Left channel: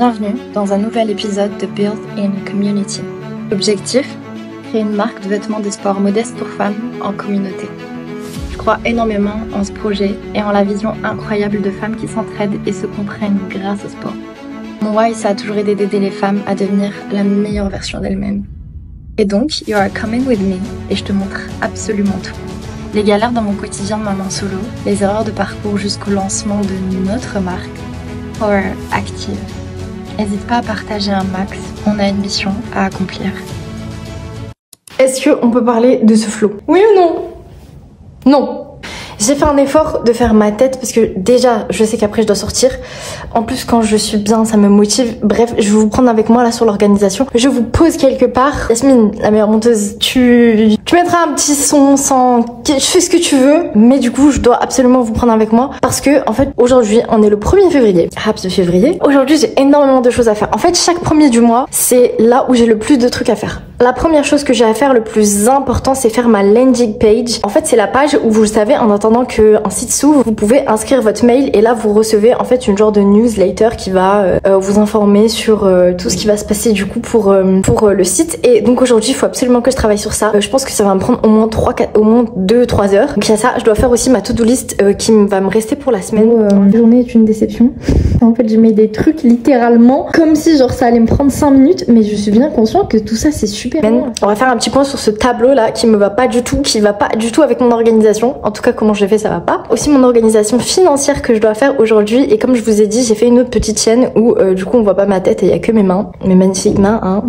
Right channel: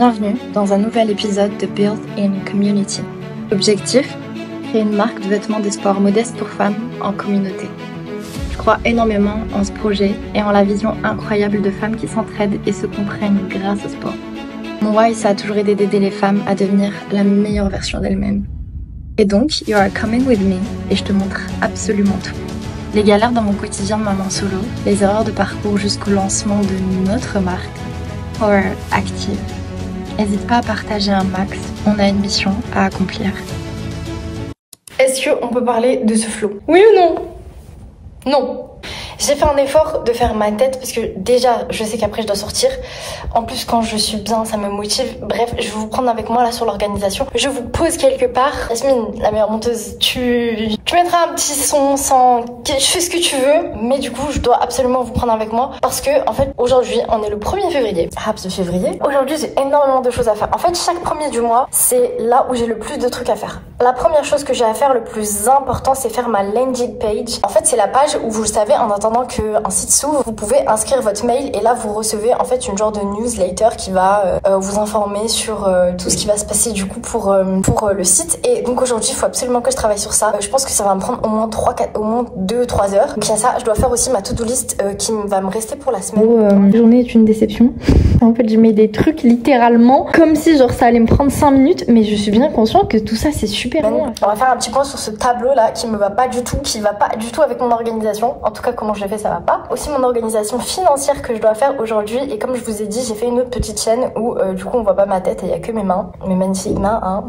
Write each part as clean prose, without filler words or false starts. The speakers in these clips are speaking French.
Bienvenue dans un nouvel épisode de Build in Community. Objectif, créer une marque de vêtements de sport modeste pour femmes en communauté. Je crois énormément en ce projet et en la vision incroyable de femmes qui s'entraident et se comprennent grâce au sport. Mon why, ça a toujours été d'aider les femmes à devenir la meilleure version d'elles-mêmes. Et donc, you are coming with me et je te montre absolument tout. Les galères dans mon quotidien de maman solo, les erreurs de parcours jusqu'au lancement de notre marque, Power Active. N'hésite pas à partager un max, on a une mission à accomplir. Est-ce qu'on peut parler de ce flow? Oui ou non? Non. J'ai fait un effort de faire ma tête parce que déjà je sais qu'après je dois sortir. En plus quand je suis bien ça me motive. Bref, je vais vous prendre avec moi là sur l'organisation. Je vous pose quelque part. Yasmine, la meilleure monteuse, tu mettras un petit son sans... Je fais ce que tu veux. Mais du coup je dois absolument vous prendre avec moi. Parce que en fait aujourd'hui on est le 1er février. Raps de février. Aujourd'hui j'ai énormément de choses à faire. En fait chaque premier du mois c'est là où j'ai le plus de trucs à faire. La première chose que j'ai à faire le plus important c'est faire ma landing page. En fait c'est la page où vous le savez en attendant qu'un site s'ouvre, vous pouvez inscrire votre mail et là vous recevez en fait une genre de newsletter qui va vous informer sur tout ce qui va se passer du coup pour le site. Et donc aujourd'hui il faut absolument que je travaille sur ça. Je pense que ça va me prendre au moins 2-3 heures. Donc il y a ça, je dois faire aussi ma to-do list qui va me rester pour la semaine. La journée est une déception. En fait j'ai mis des trucs littéralement comme si genre ça allait me prendre 5 minutes, mais je suis bien consciente que tout ça c'est super long. On va faire un petit point sur ce tableau là qui me va pas du tout, qui va pas du tout avec mon organisation. En tout cas comment je l'ai fait ça va pas. Aussi mon organisation financière que je dois faire aujourd'hui, et comme je vous ai dit j'ai fait une autre petite chaîne où du coup on voit pas ma tête et il y a que mes mains, mes magnifiques mains hein.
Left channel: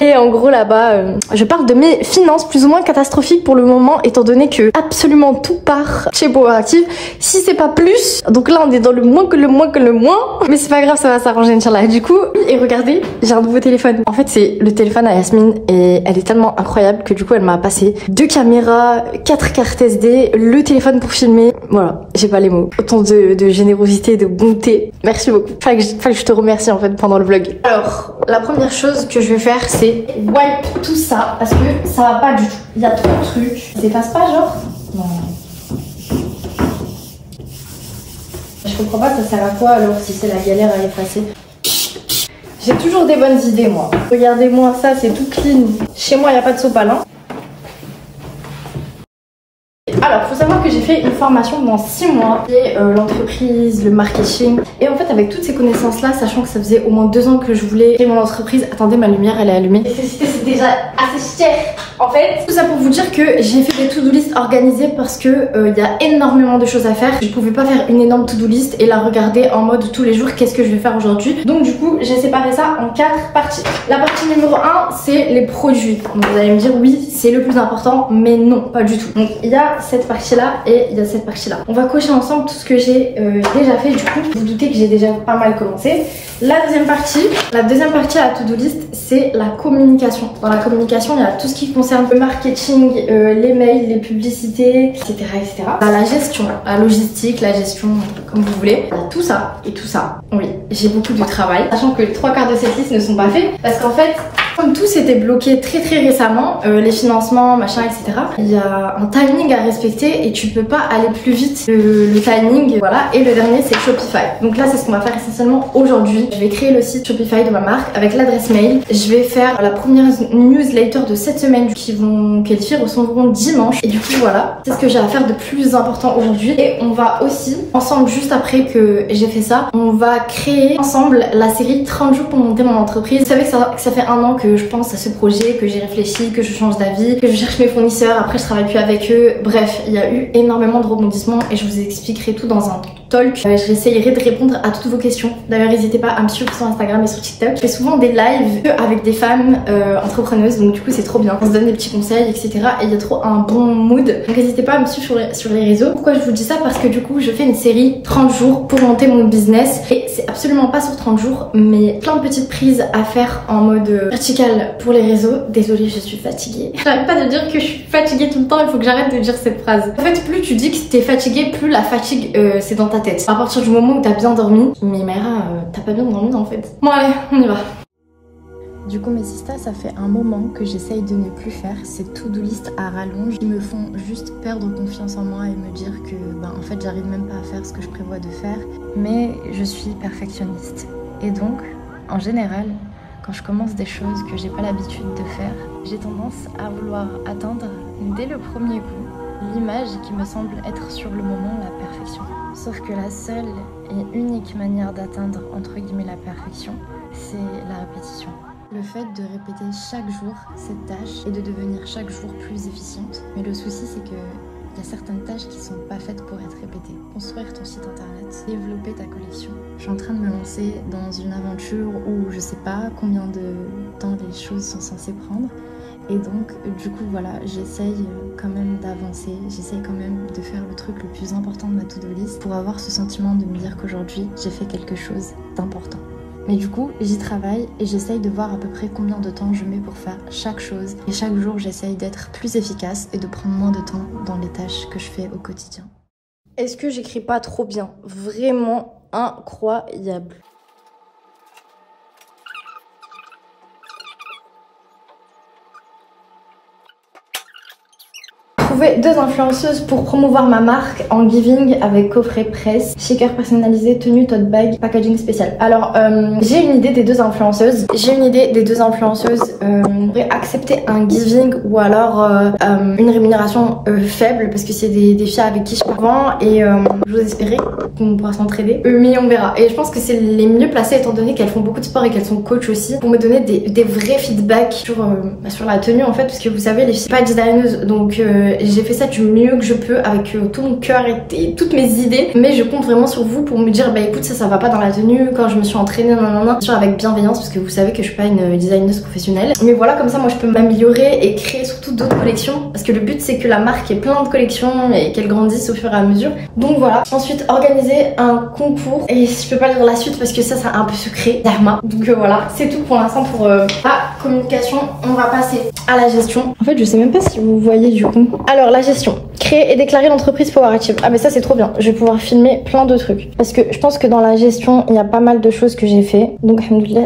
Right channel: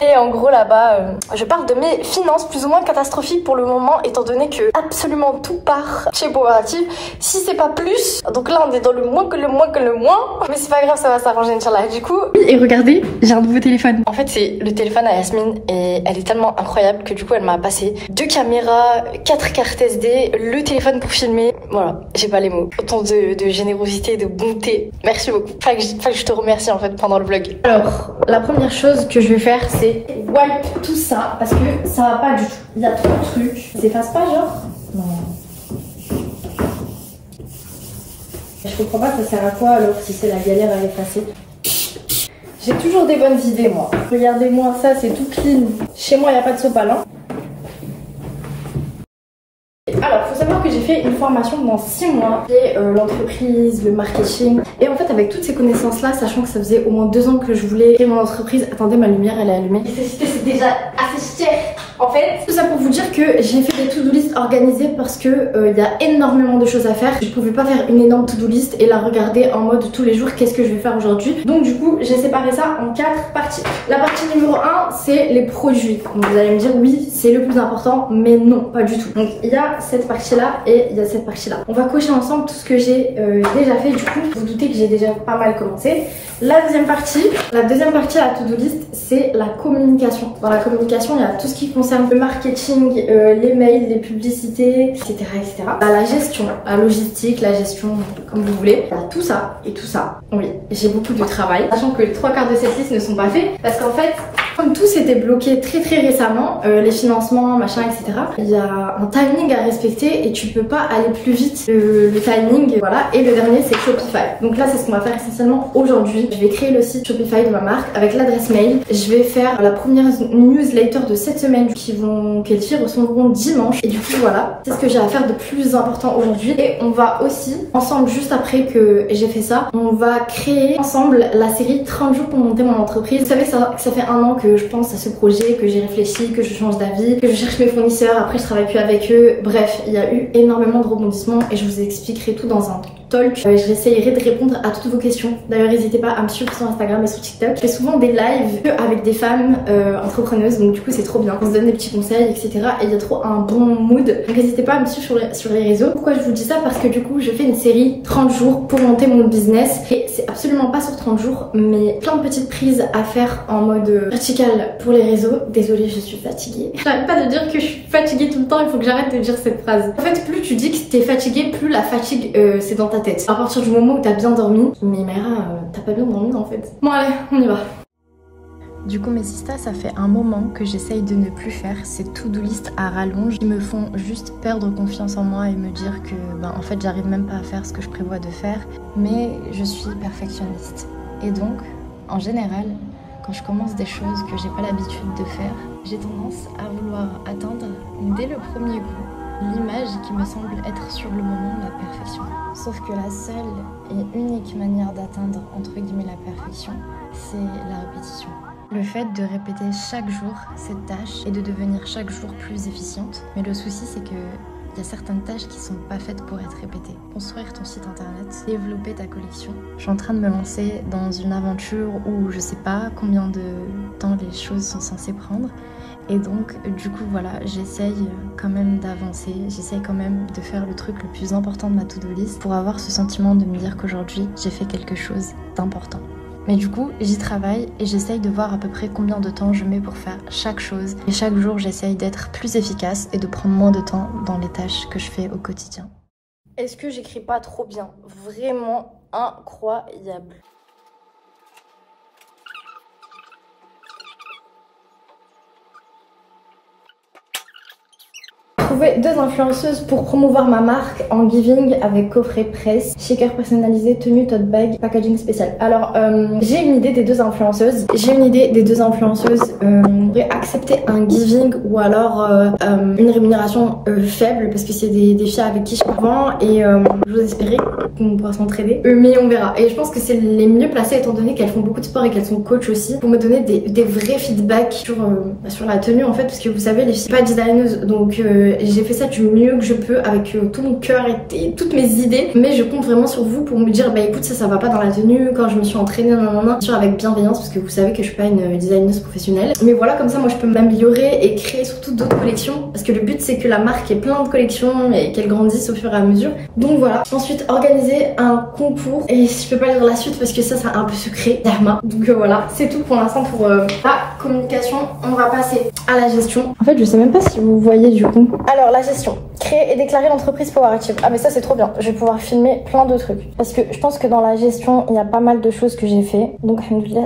Et en gros là-bas je parle de mes finances plus ou moins catastrophiques pour le moment étant donné que absolument tout part chez Power Active, si c'est pas plus. Donc là on est dans le moins que le moins que le moins, mais c'est pas grave, ça va s'arranger Inch'Allah. Du coup, et regardez, j'ai un nouveau téléphone. En fait c'est le téléphone à Yasmine et elle est tellement incroyable que du coup elle m'a passé 2 caméras, 4 cartes SD, le téléphone pour filmer. Voilà, j'ai pas les mots. Autant de générosité et de bonté. Merci beaucoup. Enfin que je te remercie en fait pendant le vlog. Alors, la première chose que je vais faire c'est wipe tout ça parce que ça va pas du tout. Il y a trop de trucs. Ça s'efface pas genre? Non. Je comprends pas ça sert à quoi alors si c'est la galère à effacer. J'ai toujours des bonnes idées moi. Regardez-moi ça, c'est tout clean. Chez moi il n'y a pas de sopalin. Alors, faut savoir que j'ai fait une formation dans 6 mois, qui est l'entreprise, le marketing. Et en fait, avec toutes ces connaissances-là, sachant que ça faisait au moins 2 ans que je voulais créer mon entreprise. Attendez, ma lumière, elle est allumée. C'est déjà assez cher. En fait, tout ça pour vous dire que j'ai fait des to-do list organisées parce que il y a énormément de choses à faire. Je pouvais pas faire une énorme to-do list et la regarder en mode tous les jours, qu'est-ce que je vais faire aujourd'hui. Donc du coup, j'ai séparé ça en 4 parties. La partie numéro 1, c'est les produits. Donc vous allez me dire oui, c'est le plus important, mais non, pas du tout. Donc il y a cette partie-là et il y a cette partie-là. On va cocher ensemble tout ce que j'ai déjà fait. Du coup, vous doutez que j'ai déjà pas mal commencé. La deuxième partie à la to-do list, c'est la communication. Dans la communication, il y a tout ce qui concerne le marketing, les mails, les publicités, etc. etc. La gestion, la logistique, la gestion, comme vous voulez. Il y a tout ça et tout ça. Oui, j'ai beaucoup de travail. Sachant que les 3/4 de cette liste ne sont pas faits. Parce qu'en fait, comme tout s'était bloqué très récemment, les financements, machin, etc. Il y a un timing à respecter et tu peux pas aller plus vite le timing. Voilà. Et le dernier, c'est Shopify. Donc là, c'est ce qu'on va faire essentiellement aujourd'hui. Je vais créer le site Shopify de ma marque avec l'adresse mail. Je vais faire la première newsletter de cette semaine qu'elles recevront dimanche. Et du coup, voilà, c'est ce que j'ai à faire de plus important aujourd'hui. Et on va aussi, ensemble, juste après que j'ai fait ça, on va créer ensemble la série 30 jours pour monter mon entreprise. Vous savez que ça fait 1 an que je pense à ce projet, que j'ai réfléchi, que je change d'avis, que je cherche mes fournisseurs, après je travaille plus avec eux. Bref, il y a eu énormément de rebondissements et je vous expliquerai tout dans un talk. J'essayerai de répondre à toutes vos questions. D'ailleurs, n'hésitez pas à me suivre sur Instagram et sur TikTok. Je fais souvent des lives avec des femmes entrepreneuses, donc du coup c'est trop bien. On se donne des petits conseils, etc. Et il y a trop un bon mood. Donc n'hésitez pas à me suivre sur les réseaux. Pourquoi je vous dis ça? Parce que du coup je fais une série 30 jours pour monter mon business. Et c'est absolument pas sur 30 jours, mais plein de petites prises à faire en mode vertical pour les réseaux. Désolée, je suis fatiguée. J'arrête pas de dire que je suis fatiguée tout le temps, il faut que j'arrête de dire cette phrase. En fait, plus tu dis que t'es fatiguée, plus la fatigue c'est dans ta tête. À partir du moment où t'as bien dormi, mais Mayra, t'as pas bien dormi en fait. Bon allez, on y va. Du coup mes sistas, ça fait un moment que j'essaye de ne plus faire ces to-do list à rallonge qui me font juste perdre confiance en moi et me dire que en fait j'arrive même pas à faire ce que je prévois de faire. Mais je suis perfectionniste et donc En général, quand je commence des choses que j'ai pas l'habitude de faire, j'ai tendance à vouloir atteindre dès le premier coup l'image qui me semble être sur le moment la perfection. Sauf que la seule et unique manière d'atteindre entre guillemets la perfection, c'est la répétition. Le fait de répéter chaque jour cette tâche et de devenir chaque jour plus efficiente. Mais le souci c'est que il y a certaines tâches qui sont pas faites pour être répétées. Construire ton site internet, développer ta collection. Je suis en train de me lancer dans une aventure où je sais pas combien de temps les choses sont censées prendre. Et donc du coup voilà, j'essaye quand même d'avancer, j'essaye quand même de faire le truc le plus important de ma to-do list pour avoir ce sentiment de me dire qu'aujourd'hui j'ai fait quelque chose d'important. Mais du coup, j'y travaille et j'essaye de voir à peu près combien de temps je mets pour faire chaque chose. Et chaque jour, j'essaye d'être plus efficace et de prendre moins de temps dans les tâches que je fais au quotidien. Est-ce que j'écris pas trop bien? Vraiment incroyable. Trouver 2 influenceuses pour promouvoir ma marque en giving avec coffret presse, shaker personnalisé, tenue, tote bag, packaging spécial. Alors j'ai une idée des 2 influenceuses. Pourraient accepter un giving ou alors une rémunération faible parce que c'est des filles avec qui je parle avant et je vous espérais qu'on pourra s'entraider. Mais on verra. Et je pense que c'est les mieux placées étant donné qu'elles font beaucoup de sport et qu'elles sont coach aussi pour me donner des vrais feedbacks sur la tenue en fait parce que vous savez les filles sont pas designeuses donc j'ai fait ça du mieux que je peux avec tout mon cœur et toutes mes idées, mais je compte vraiment sur vous pour me dire bah écoute ça va pas dans la tenue quand je me suis entraînée bien sûr avec bienveillance parce que vous savez que je suis pas une designeuse professionnelle, mais voilà comme ça moi je peux m'améliorer et créer surtout d'autres collections parce que le but c'est que la marque ait plein de collections et qu'elle grandisse au fur et à mesure. Donc voilà, ensuite organiser un concours et je peux pas lire la suite parce que ça c'est un peu secret Dharma. Donc voilà, c'est tout pour l'instant pour la communication. On va passer à la gestion. En fait je sais même pas si vous voyez du coup. Alors la gestion, créer et déclarer l'entreprise Power Active. Ah mais ça c'est trop bien, je vais pouvoir filmer plein de trucs parce que je pense que dans la gestion il y a pas mal de choses que j'ai fait, donc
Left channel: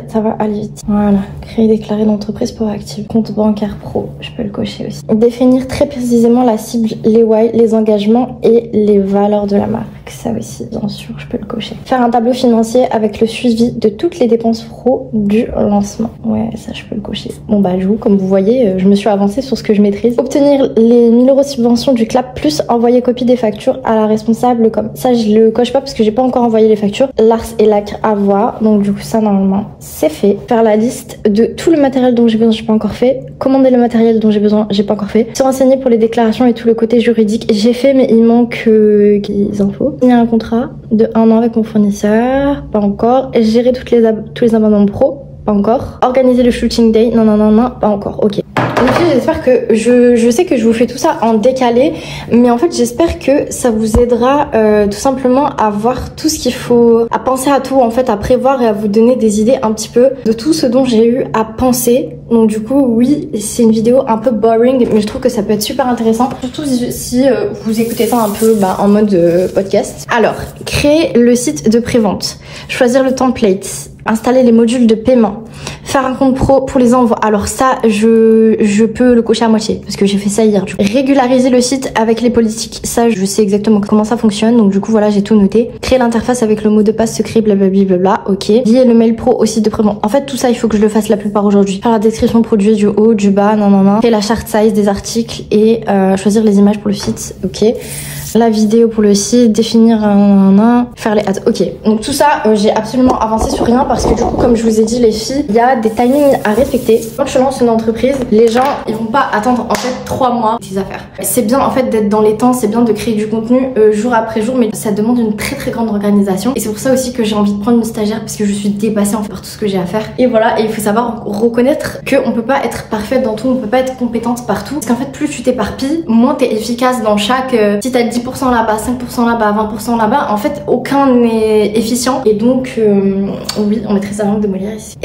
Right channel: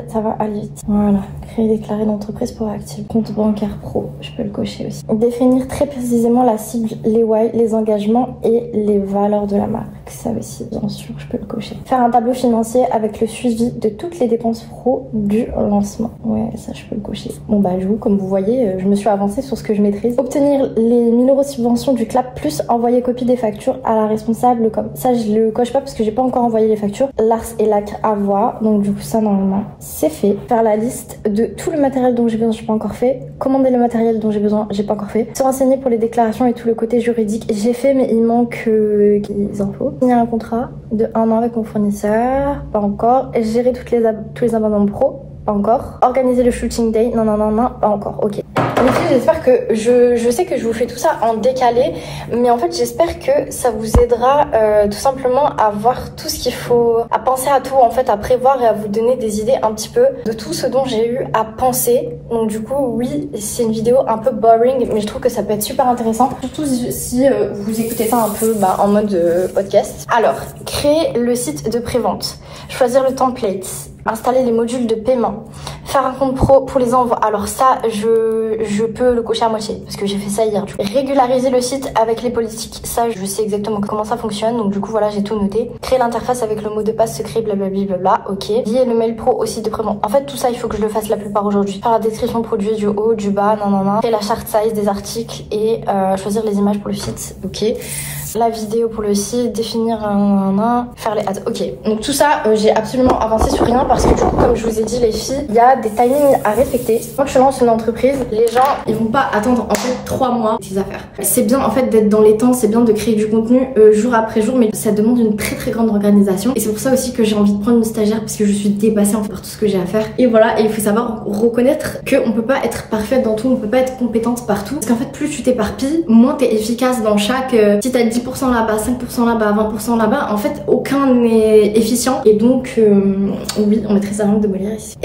ça va aller vite. Voilà, créer et déclarer l'entreprise Power Active, compte bancaire pro, je peux le cocher aussi. Définir très précisément la cible, les why, les engagements et les valeurs de la marque, ça aussi bien sûr je peux le cocher. Faire un tableau financier avec le suivi de toutes les dépenses pro du lancement, ouais ça je peux le cocher. Bon bah du coup comme vous voyez je me suis avancée sur ce que je maîtrise. Obtenir les 1000 € de subvention du CLAP plus envoyer copie des factures à la responsable com. Ça je le coche pas parce que j'ai pas encore envoyé les factures. L'ARS et l'ACRE à voir, donc du coup ça normalement c'est fait. Faire la liste de tout le matériel dont j'ai besoin, j'ai pas encore fait. Commander le matériel dont j'ai besoin, j'ai pas encore fait. Se renseigner pour les déclarations et tout le côté juridique, j'ai fait mais il manque des infos. Signer un contrat de 1 an avec mon fournisseur, pas encore. Gérer tous les abonnements pro, pas encore. Organiser le shooting day, non, pas encore, ok. Donc j'espère que, je sais que je vous fais tout ça en décalé, mais en fait j'espère que ça vous aidera tout simplement à voir tout ce qu'il faut, à penser à tout en fait, à prévoir et à vous donner des idées un petit peu de tout ce dont j'ai eu à penser. Donc du coup oui, c'est une vidéo un peu boring, mais je trouve que ça peut être super intéressant, surtout si vous écoutez ça un peu en mode podcast. Alors, créer le site de prévente, choisir le template, installer les modules de paiement, faire un compte pro pour les envois. Alors ça, je peux le cocher à moitié parce que j'ai fait ça hier. Régulariser le site avec les politiques. Ça, je sais exactement comment ça fonctionne. Donc du coup, voilà, j'ai tout noté. Créer l'interface avec le mot de passe secret, blablabla, ok. Lier le mail pro au site de prévente. En fait, tout ça, il faut que je le fasse la plupart aujourd'hui. Faire la description produit du haut, du bas, Créer la chart size des articles et choisir les images pour le site, ok. La vidéo pour le site, définir faire les ads, ok. Donc tout ça, j'ai absolument avancé sur rien parce que du coup, comme je vous ai dit les filles, il y a des timings à respecter. Quand tu lances une entreprise, les gens, ils vont pas attendre en fait 3 mois tes affaires. C'est bien en fait d'être dans les temps, c'est bien de créer du contenu jour après jour, mais ça demande une très grande organisation. Et c'est pour ça aussi que j'ai envie de prendre une stagiaire parce que je suis dépassée en fait par tout ce que j'ai à faire. Et voilà, et il faut savoir reconnaître qu'on peut pas être parfaite dans tout, on peut pas être compétente partout. Parce qu'en fait, plus tu t'éparpilles, moins t'es efficace dans chaque... si t'as 10% là-bas, 5% là-bas, 20% là-bas, en fait aucun n'est efficient et donc oui, on mettrait sa langue de Molière ici.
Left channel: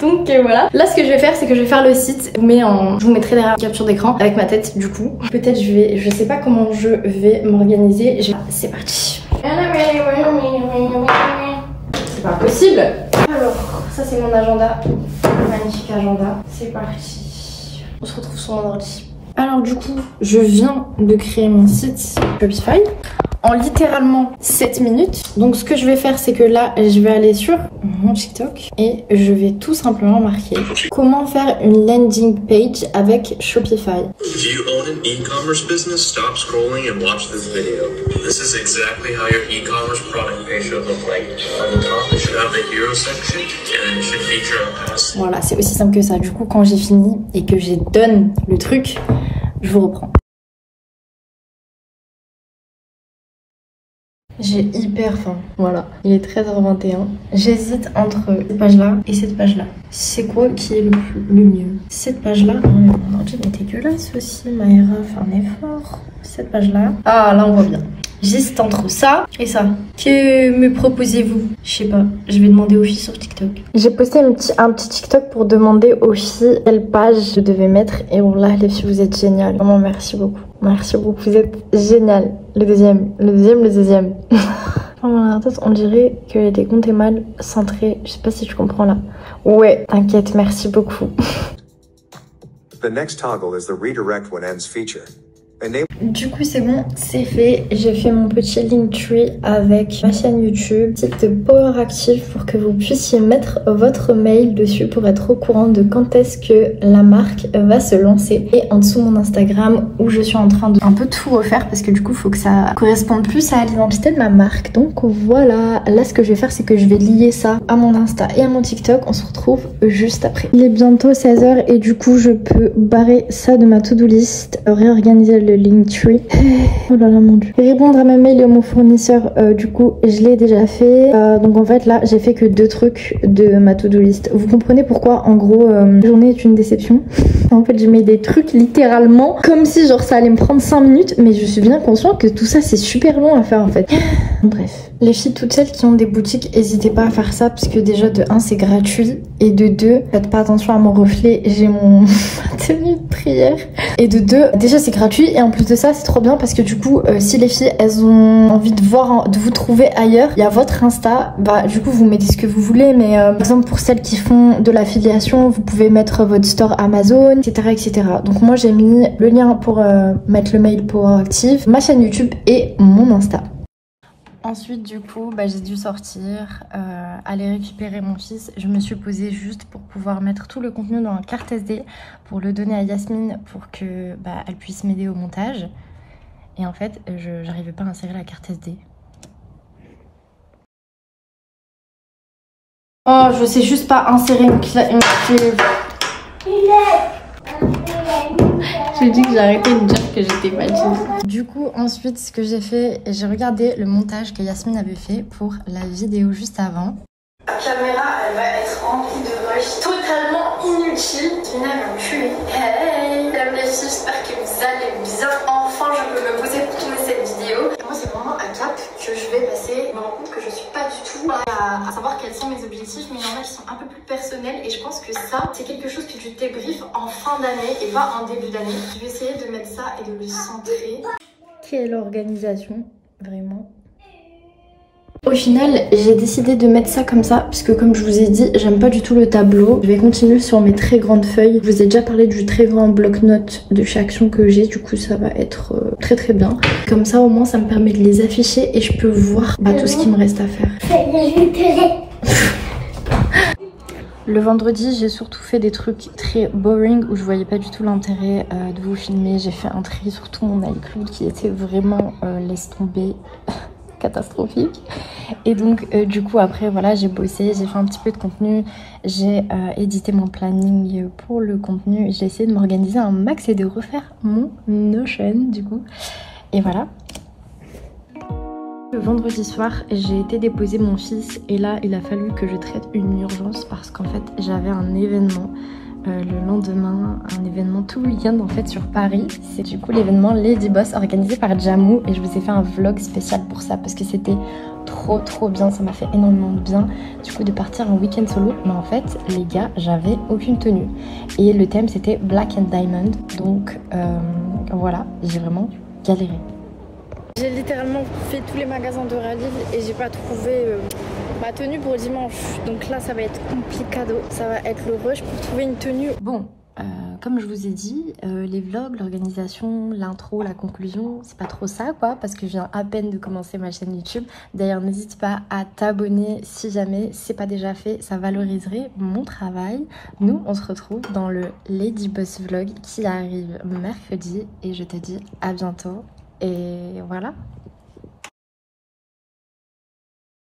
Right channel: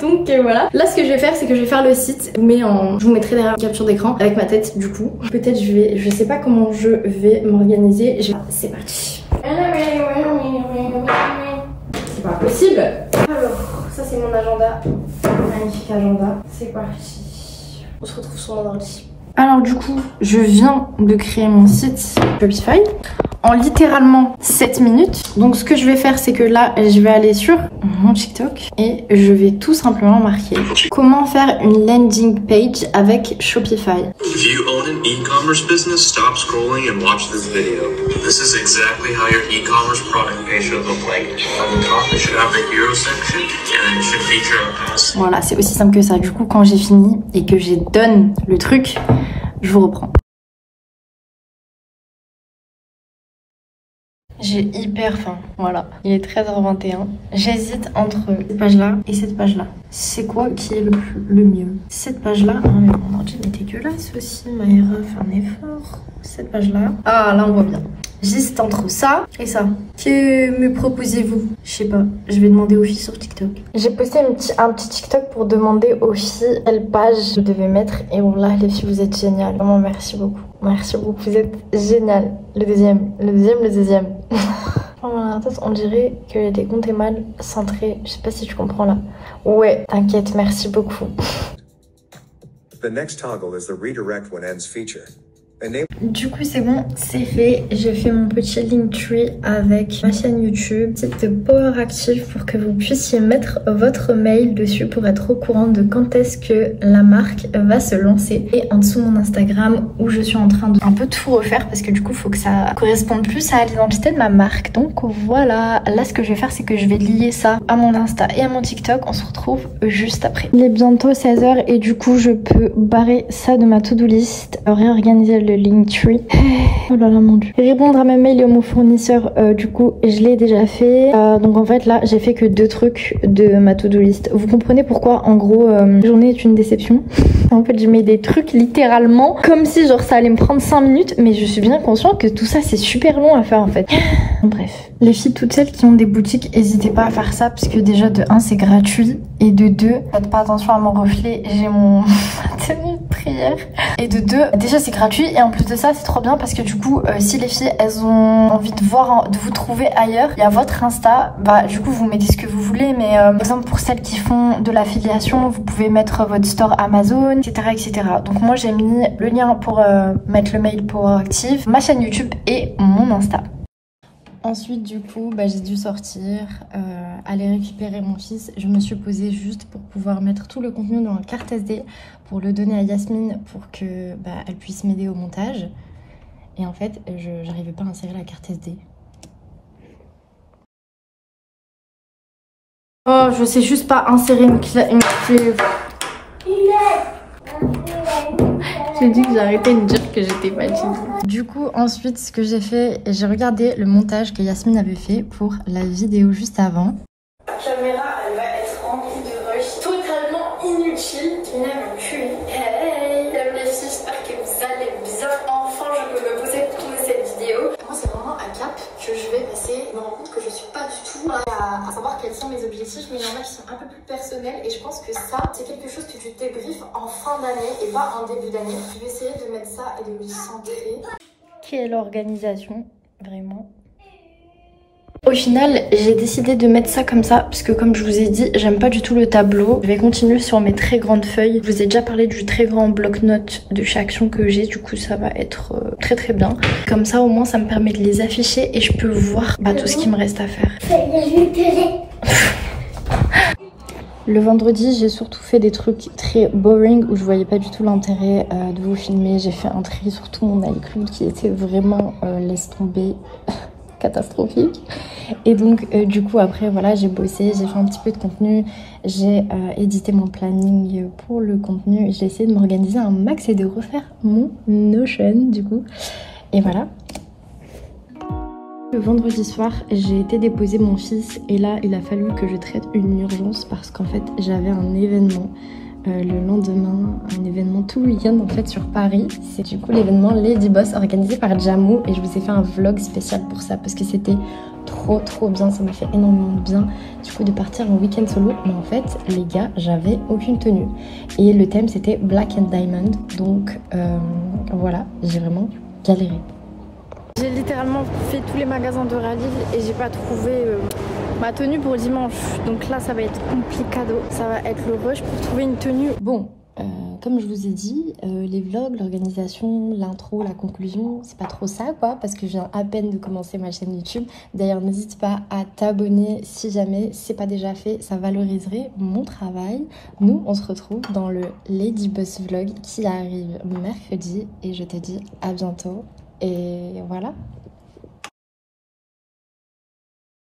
Donc voilà, là ce que je vais faire c'est que je vais faire le site, je vous mettrai derrière la capture d'écran avec ma tête du coup. Peut-être je sais pas comment je vais m'organiser, c'est parti. C'est pas possible. Alors ça c'est mon agenda, magnifique agenda, c'est parti. On se retrouve sur mon ordi. Alors du coup, je viens de créer mon site Shopify. en littéralement 7 minutes. Donc ce que je vais faire, c'est que là, je vais aller sur mon TikTok et je vais tout simplement marquer comment faire une landing page avec Shopify. If you own an e-commerce business, stop scrolling and watch this video. This is exactly how your e-commerce product page should look like. On the top, it should have the hero section and then it should feature a pass. Voilà, c'est aussi simple que ça. Du coup, quand j'ai fini et que j'ai donne le truc, je vous reprends. J'ai hyper faim, voilà. Il est 13h21. J'hésite entre cette page-là et cette page-là. C'est quoi qui est le mieux? Cette page-là, oh mais mon ordi est dégueulasse aussi, Maïra fait un effort. Cette page-là, ah là on voit bien. J'hésite entre ça et ça. Que me proposez-vous? Je sais pas, je vais demander aux filles sur TikTok. J'ai posté un petit TikTok pour demander aux filles quelle page je devais mettre. Et voilà, les filles, vous êtes géniales. Vraiment, merci beaucoup. Merci beaucoup, vous êtes géniales. Le deuxième. On dirait que des comptes est mal centrés. Je sais pas si tu comprends là. Ouais, t'inquiète, merci beaucoup. The next toggle is the redirect when ends feature. Du coup c'est bon, c'est fait. J'ai fait mon petit Linktree avec ma chaîne YouTube, site de Power Active pour que vous puissiez mettre votre mail dessus pour être au courant de quand est-ce que la marque va se lancer. Et en dessous mon Instagram où je suis en train de un peu tout refaire parce que du coup il faut que ça corresponde plus à l'identité de ma marque. Donc voilà, là ce que je vais faire c'est que je vais lier ça à mon Insta et à mon TikTok. On se retrouve juste après. Il est bientôt 16h et du coup je peux barrer ça de ma to-do list, réorganiser le Linktree. Oh là là mon dieu. Répondre à ma mail et à mon fournisseur, du coup je l'ai déjà fait. Donc en fait là j'ai fait que 2 trucs de ma to-do list. Vous comprenez pourquoi en gros la journée est une déception. En fait je mets des trucs littéralement comme si genre ça allait me prendre 5 minutes, mais je suis bien consciente que tout ça c'est super long à faire en fait. Bref. Les filles toutes celles qui ont des boutiques, n'hésitez pas à faire ça parce que déjà de 1 c'est gratuit et de 2 faites pas attention à mon reflet, j'ai mon tenue de prière. Et de 2 déjà c'est gratuit et en plus de ça c'est trop bien parce que du coup si les filles elles ont envie de voir, de vous trouver ailleurs, il y a votre Insta, bah du coup vous mettez ce que vous voulez, mais par exemple pour celles qui font de l'affiliation vous pouvez mettre votre store Amazon, etc. Donc moi j'ai mis le lien pour mettre le mail pour Active, ma chaîne YouTube et mon Insta. Ensuite du coup j'ai dû sortir, aller récupérer mon fils. Je me suis posée juste pour pouvoir mettre tout le contenu dans la carte SD pour le donner à Yasmine pour que elle puisse m'aider au montage. Et en fait je n'arrivais pas à insérer la carte SD. Oh je sais juste pas insérer une clé. J'ai dit que j'arrêtais de dire que j'étais pas du coup ensuite ce que j'ai fait, j'ai regardé le montage que Yasmine avait fait pour la vidéo juste avant. La caméra elle va être remplie de rush totalement inutile. Qui n'a rien tué. Hey, mesdames les filles, j'espère que vous allez bien. Enfin je peux me poser pour tourner cette vidéo. Moi c'est vraiment un cap que je vais passer. Je me rends compte que je suis pas du tout à savoir quels sont mes objectifs, mais il y en a qui sont un peu plus personnels et je pense que ça c'est quelque chose que tu débriefes en fin d'année et pas en début d'année. Je vais essayer de mettre ça et de le centrer. Quelle organisation, vraiment. Au final, j'ai décidé de mettre ça comme ça parce que comme je vous ai dit, j'aime pas du tout le tableau. Je vais continuer sur mes très grandes feuilles. Je vous ai déjà parlé du très grand bloc-notes de chaque action que j'ai. Du coup, ça va être très bien. Comme ça, au moins, ça me permet de les afficher et je peux voir tout ce qui me reste à faire. Le vendredi, j'ai surtout fait des trucs très boring où je voyais pas du tout l'intérêt de vous filmer. J'ai fait un tri sur tout mon iCloud qui était vraiment, laisse tomber, catastrophique. Et donc du coup après voilà, j'ai bossé, j'ai fait un petit peu de contenu, j'ai édité mon planning pour le contenu, j'ai essayé de m'organiser un max et de refaire mon Notion du coup. Et voilà. Le vendredi soir, j'ai été déposer mon fils et là il a fallu que je traite une urgence parce qu'en fait j'avais un événement le lendemain, un événement tout le week-end en fait sur Paris. C'est du coup l'événement Lady Boss organisé par Jamou et je vous ai fait un vlog spécial pour ça parce que c'était trop bien, ça m'a fait énormément de bien du coup de partir en week-end solo. Mais en fait les gars, j'avais aucune tenue et le thème c'était Black and Diamond, donc voilà, j'ai vraiment galéré. J'ai littéralement fait tous les magasins de Rallye et j'ai pas trouvé ma tenue pour dimanche. Donc là ça va être complicado, ça va être le rush pour trouver une tenue. Bon, comme je vous ai dit, les vlogs, l'organisation, l'intro, la conclusion, c'est pas trop ça quoi, parce que je viens à peine de commencer ma chaîne YouTube. D'ailleurs, n'hésite pas à t'abonner si jamais c'est pas déjà fait, ça valoriserait mon travail. Nous, on se retrouve dans le Lady Boss Vlog qui arrive mercredi et je te dis à bientôt. Et voilà.